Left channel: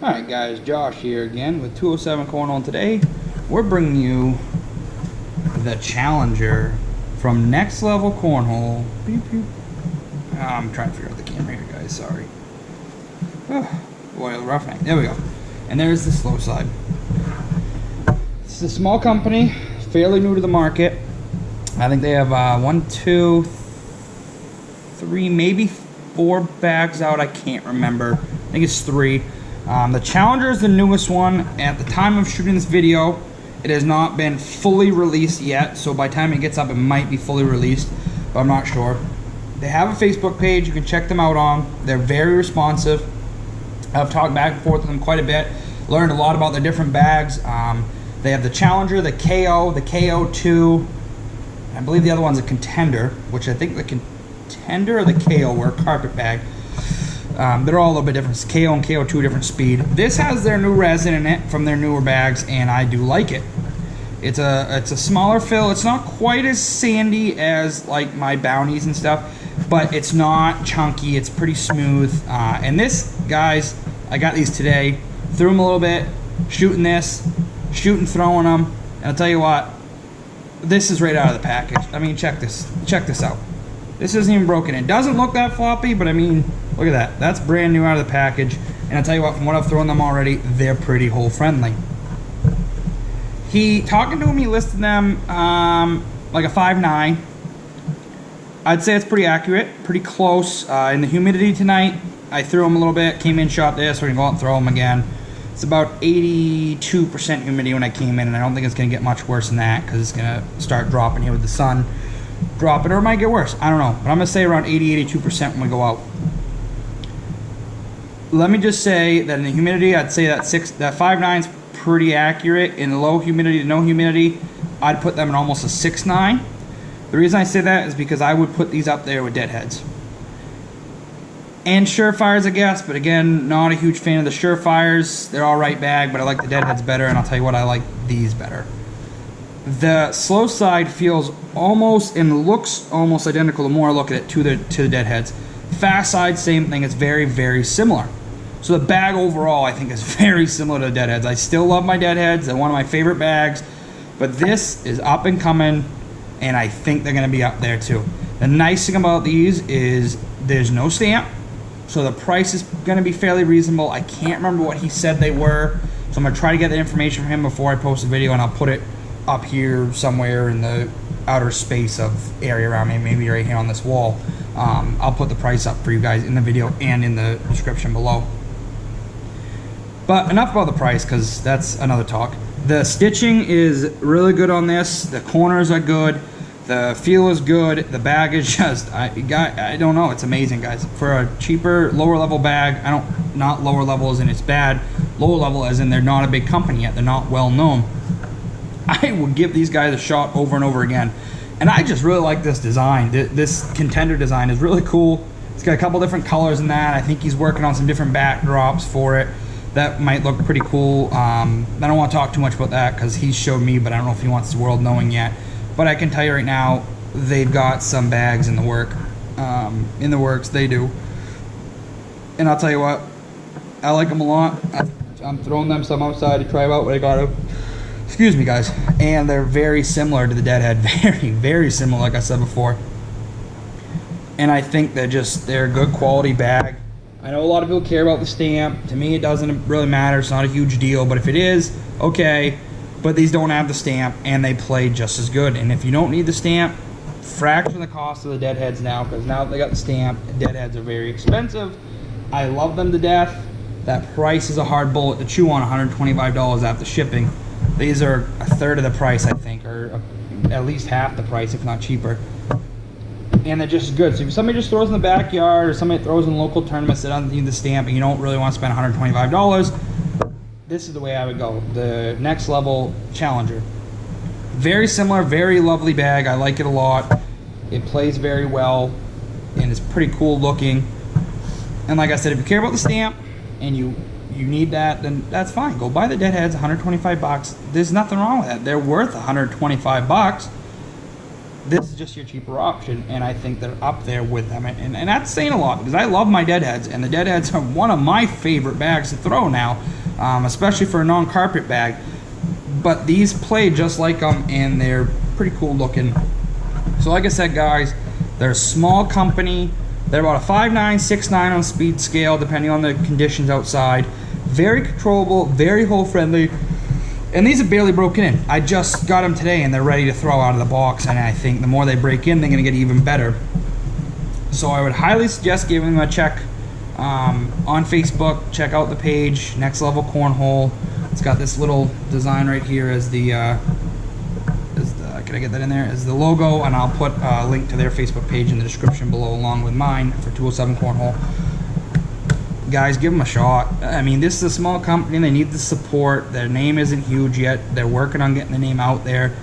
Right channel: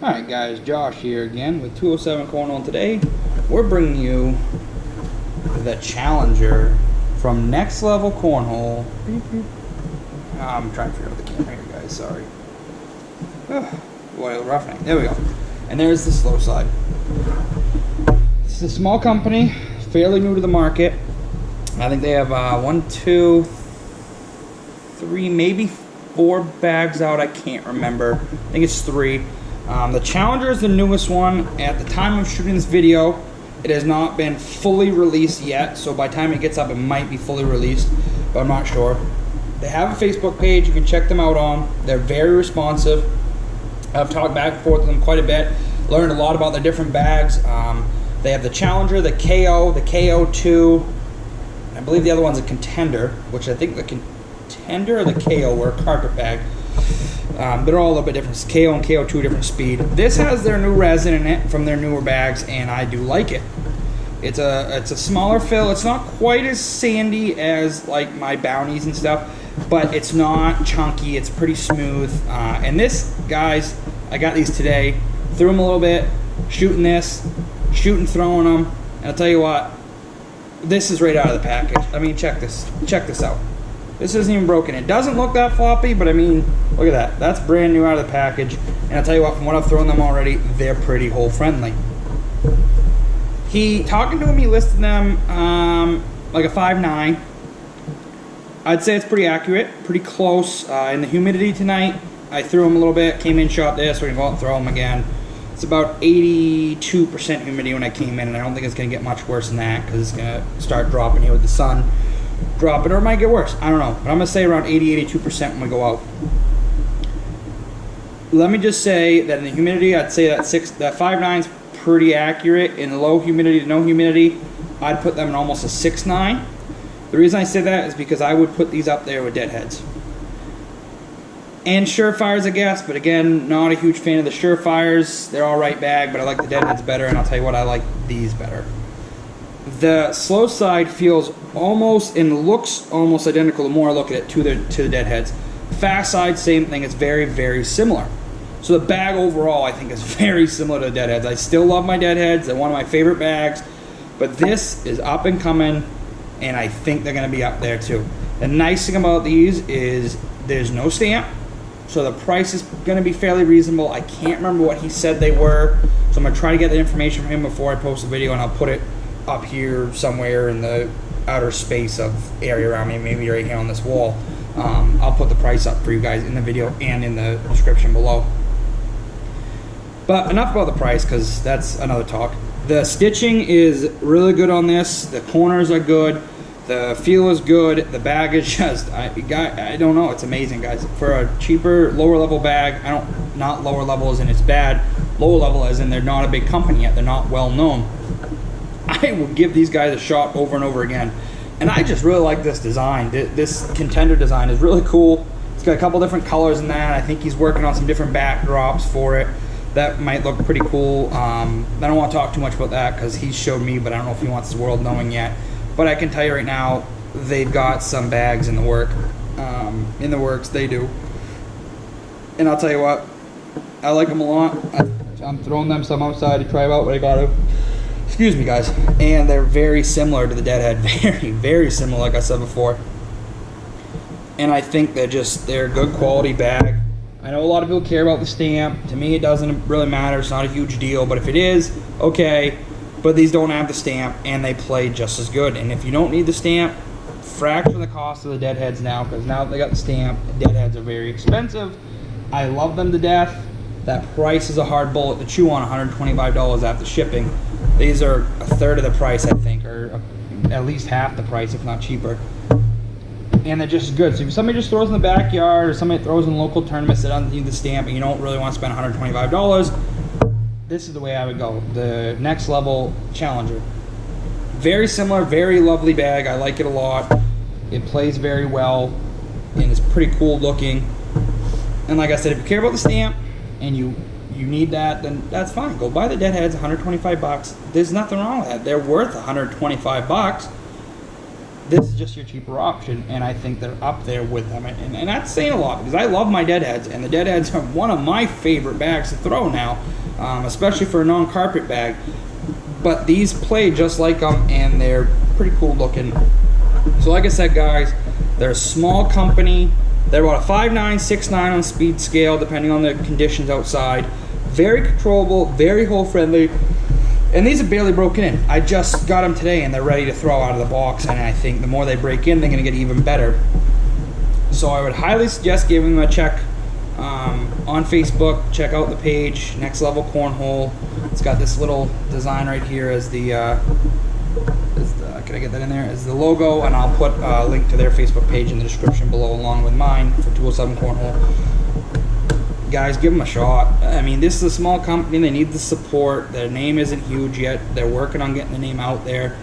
Alright guys, Josh here again with 207 Cornhole. Today we're bringing you the Challenger from Next Level Cornhole. Beep, beep. I'm trying to figure out the camera here guys, sorry. Boy, roughneck. There we go. And there's the slow side. It's a small company, fairly new to the market. I think they have 1, 2, 3, maybe 4 bags out. I can't remember. I think it's 3. The Challenger is the newest one. At the time of shooting this video, it has not been fully released yet, so by the time it gets up, it might be fully released, but I'm not sure. They have a Facebook page you can check them out on. They're very responsive. I've talked back and forth with them quite a bit, learned a lot about their different bags. They have the Challenger, the KO, the KO2, I believe the other one's a Contender, which I think the Contender or the KO were a carpet bag. They're all a little bit different. It's KO and KO2 different speed. This has their new resin in it from their newer bags, and I do like it. It's a smaller fill. It's not quite as sandy as like my Bounties and stuff, but it's not chunky. It's pretty smooth. And this, guys, I got these today. Threw them a little bit, shooting throwing them, and I'll tell you what, this is right out of the package. I mean, check this out. This isn't even broken. It doesn't look that floppy, but I mean, look at that. That's brand new out of the package. And I'll tell you what, from what I've thrown them already, they're pretty hole friendly. Talking to him, he listed them like a 5.9. I'd say it's pretty accurate, pretty close. In the humidity tonight, I threw them a little bit, came in, shot this, we're gonna go out and throw them again. It's about 82% humidity when I came in, and I don't think it's gonna get much worse than that because it's gonna start dropping here with the sun dropping, or it might get worse. I don't know, but I'm gonna say around 82% when we go out. Let me just say that in the humidity, I'd say that 5.9 is pretty accurate. In the low humidity to no humidity, I'd put them in almost a 6.9. The reason I say that is because I would put these up there with Deadheads and Surefires, I guess, but again, not a huge fan of the Surefires. They're all right bag, but I like the Deadheads better, and I'll tell you what, I like these better. The slow side feels almost and looks almost identical the more I look at it to the Deadheads. Fast side, same thing. It's very, very similar. So the bag overall, I think, is very similar to the Deadheads. I still love my Deadheads. They're one of my favorite bags, but this is up and coming, and I think they're going to be up there too. The nice thing about these is there's no stamp, so the price is going to be fairly reasonable. I can't remember what he said they were, so I'm going to try to get the information from him before I post the video, and I'll put it up here somewhere in the outer space of area around me, maybe right here on this wall. I'll put the price up for you guys in the video and in the description below. But enough about the price, because that's another talk. The stitching is really good on this. The corners are good. The feel is good. The bag is just, I don't know, it's amazing, guys. For a cheaper, lower level bag, not lower level as in it's bad, lower level as in they're not a big company yet, they're not well known. I would give these guys a shot over and over again. And I just really like this design. This Contender design is really cool. It's got a couple different colors in that. I think he's working on some different backdrops for it. That might look pretty cool. I don't want to talk too much about that because he showed me, but I don't know if he wants the world knowing yet. But I can tell you right now, they've got some bags in the works. They do. And I'll tell you what, I like them a lot. I'm throwing them some outside to try them out, but I got to. Excuse me, guys. And they're very similar to the Deadhead. Very, very similar, like I said before. And I think they're a good quality bag. I know a lot of people care about the stamp. To me, it doesn't really matter. It's not a huge deal. But if it is, okay. But these don't have the stamp, and they play just as good. And if you don't need the stamp, fraction the cost of the Deadheads now, because now that they got the stamp, Deadheads are very expensive. I love them to death. That price is a hard bullet to chew on, $125 after shipping. These are a third of the price, I think, or at least half the price, if not cheaper. And they're just good. So if somebody just throws in the backyard, or somebody throws in local tournaments that doesn't need the stamp, and you don't really want to spend $125, this is the way I would go. The Next Level Challenger. Very similar, very lovely bag. I like it a lot. It plays very well, and it's pretty cool looking. And like I said, if you care about the stamp, and you need that, then that's fine. Go buy the Deadheads, $125. There's nothing wrong with that. They're worth $125. this is just your cheaper option, and I think they're up there with them. And that's saying a lot, because I love my deadheads, and the deadheads are one of my favorite bags to throw now, especially for a non-carpet bag. But these play just like them, and they're pretty cool looking. So like I said, guys, they're a small company. They're about a 5'9", 6'9" on speed scale, depending on the conditions outside. Very controllable, very hole friendly. And these are barely broken in. I just got them today, and they're ready to throw out of the box. And I think the more they break in, they're gonna get even better. So I would highly suggest giving them a check on Facebook. Check out the page, Next Level Cornhole. It's got this little design right here as the can I get that in there? As the logo, and I'll put a link to their Facebook page in the description below, along with mine for 207 Cornhole. Guys, give them a shot. I mean, this is a small company. They need the support. Their name isn't huge yet. They're working on getting the name out there.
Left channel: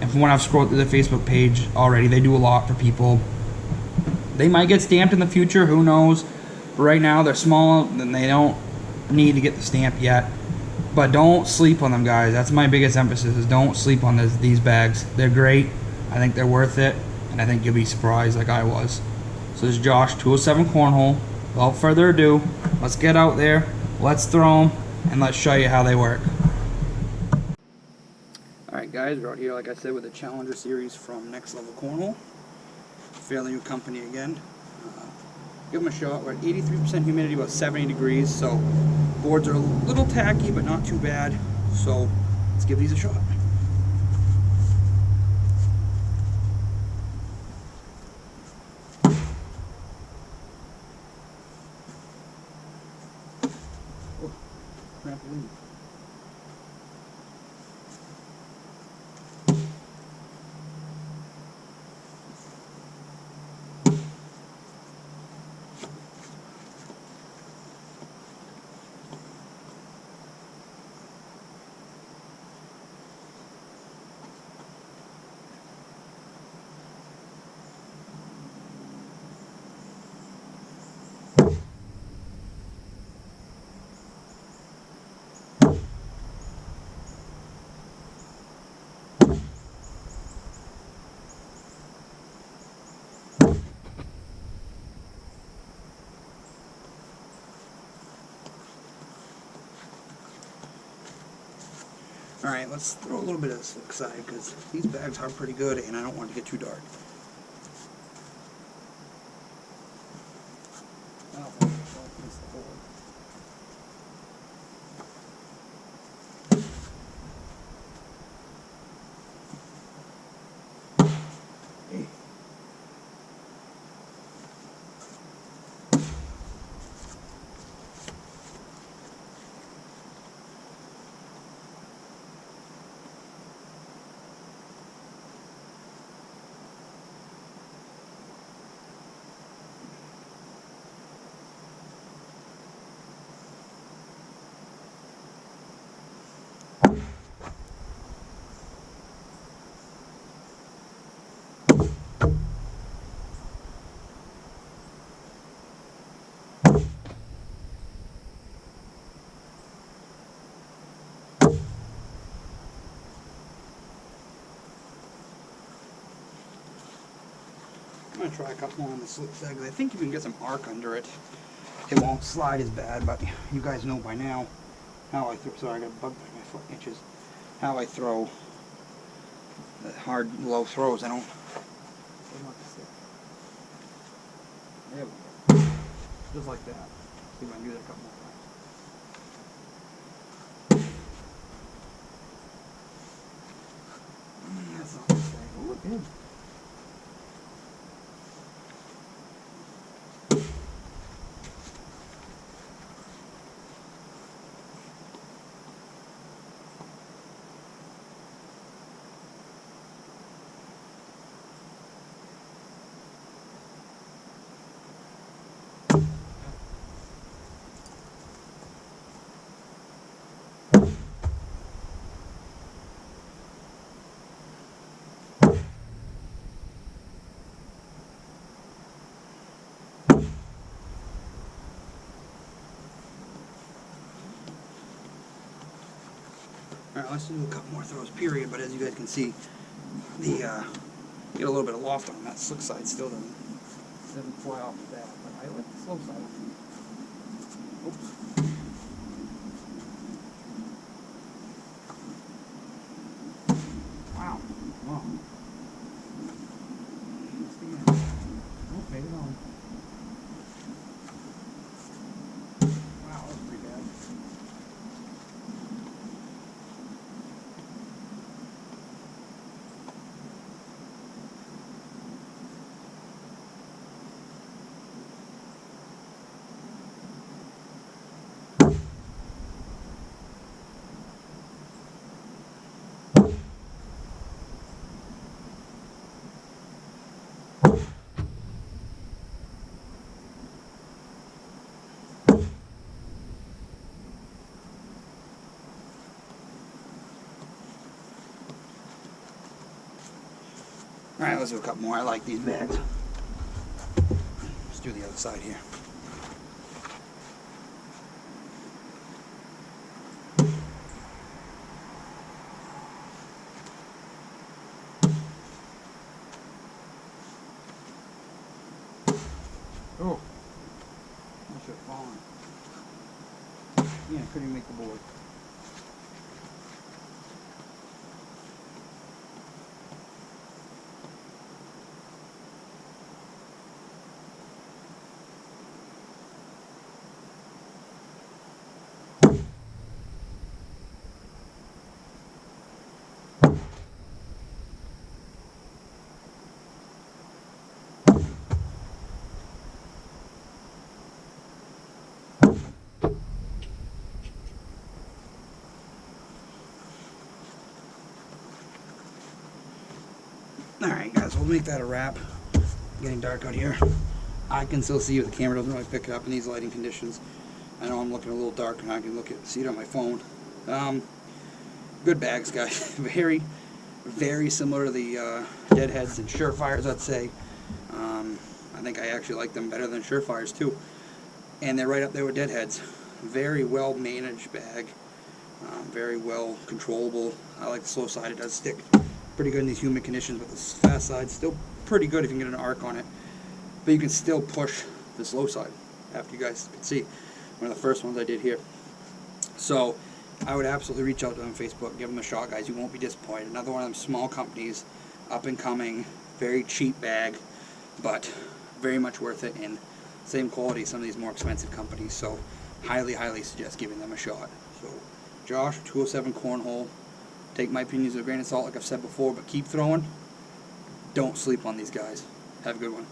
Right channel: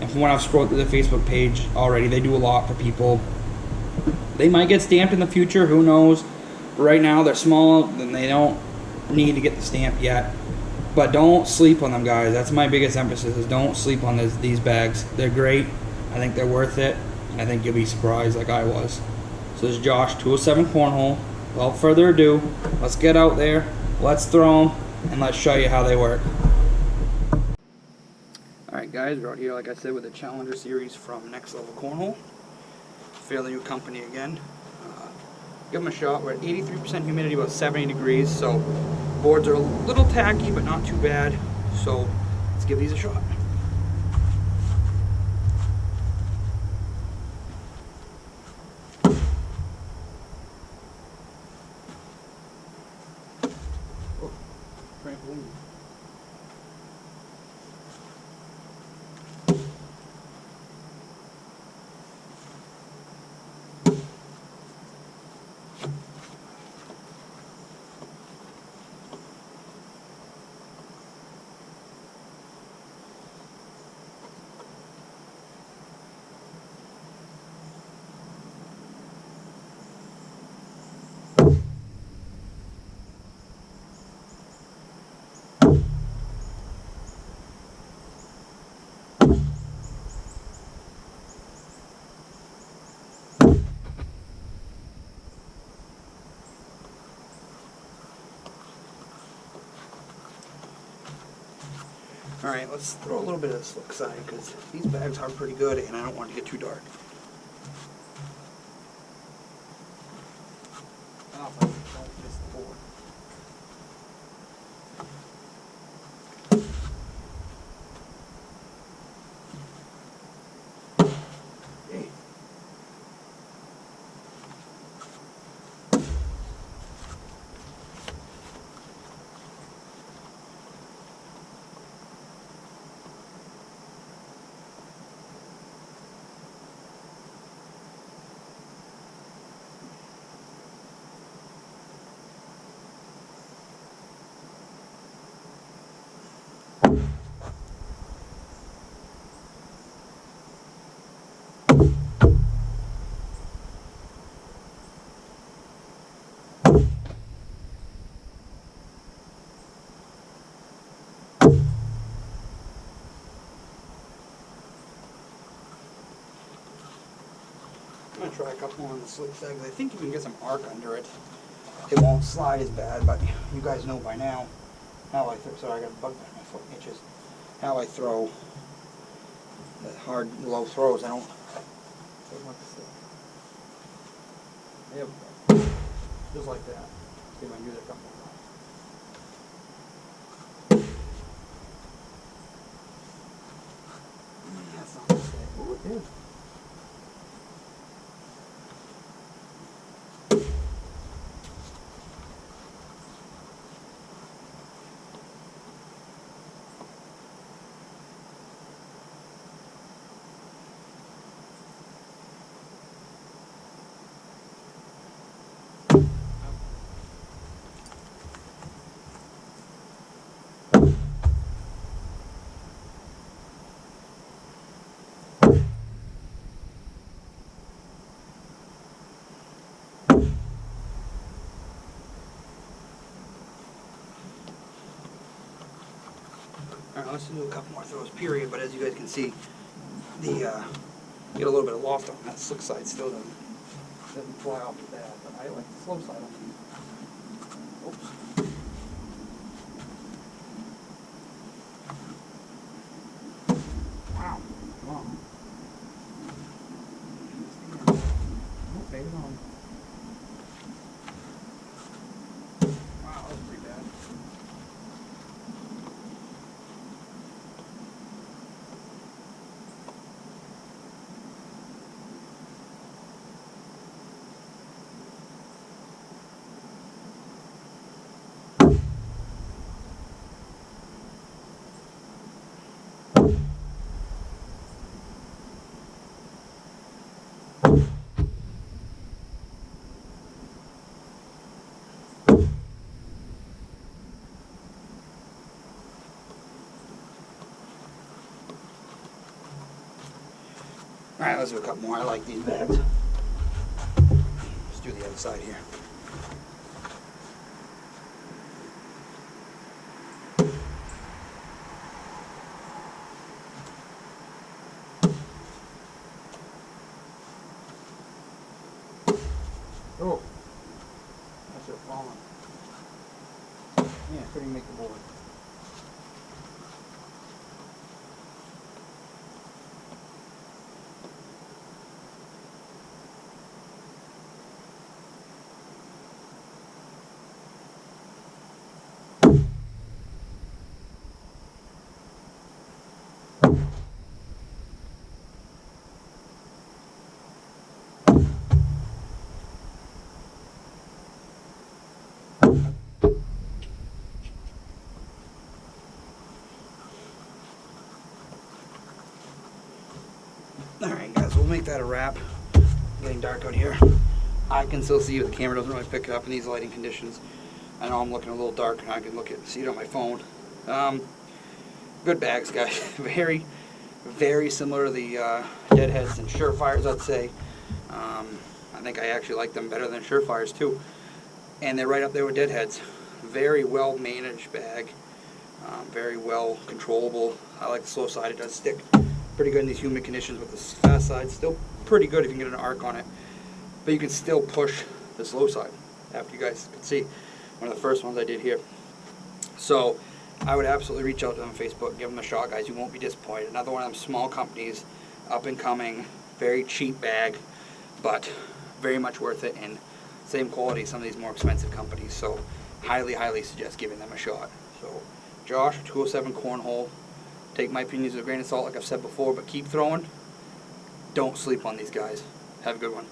And from what I've scrolled through their Facebook page already, they do a lot for people. They might get stamped in the future. Who knows? But right now, they're small, and they don't need to get the stamp yet. But don't sleep on them, guys. That's my biggest emphasis, is don't sleep on these bags. They're great. I think they're worth it, and I think you'll be surprised like I was. So this is Josh, 207 Cornhole. Without further ado, let's get out there, let's throw them, and let's show you how they work. Alright guys, we're out here, like I said, with the Challenger series from Next Level Cornhole. Fairly new company again. Give them a shot. We're at 83% humidity, about 70 degrees, so boards are a little tacky, but not too bad. So let's give these a shot. Oh, trampoline. Alright, let's throw a little bit of the slick side, because these bags are pretty good and I don't want to get too dark. Oh, if I don't miss the board. Hey. I'm going to try a couple more on the slick side, because I think you can get some arc under it. It won't slide as bad, but you guys know by now how I throw. Sorry, I got a bug by my foot itches. How I throw the hard, low throws. I don't want to stick. There we go. Just like that. See if I can do that a couple more times. That's not going to stay. Oh, it did. Alright, let's do a couple more throws, period. But as you guys can see, the Get a little bit of loft on that. Slick side still doesn't fly off as bad, but I like the slow side. Oops. Wow. Come on. Just again. Nope, made it on. Wow, that was pretty bad. Alright, let's do a couple more. I like these bags. Let's do the other side here. Oh, I should have fallen. Yeah, couldn't even make the board. Alright guys, we'll make that a wrap. Getting dark out here. I can still see you, the camera doesn't really pick it up in these lighting conditions. I know I'm looking a little dark and I can see it on my phone. Good bags, guys. Very, very similar to the Deadheads and Surefires, I'd say. I think I actually like them better than Surefires too. And they're right up there with Deadheads. Very well managed bag. Very well controllable. I like the slow side, it does stick pretty good in these humid conditions, but the fast side still pretty good if you can get an arc on it. But you can still push the slow side, after you guys can see. One of the first ones I did here. So I would absolutely reach out to them on Facebook, give them a shot, guys. You won't be disappointed. Another one of them small companies, up and coming, very cheap bag, but very much worth it, and same quality as some of these more expensive companies. So highly, highly suggest giving them a shot. So Josh, 207 Cornhole. Take my opinions with a grain of salt, like I've said before, but keep throwing. Don't sleep on these guys. Have a good one.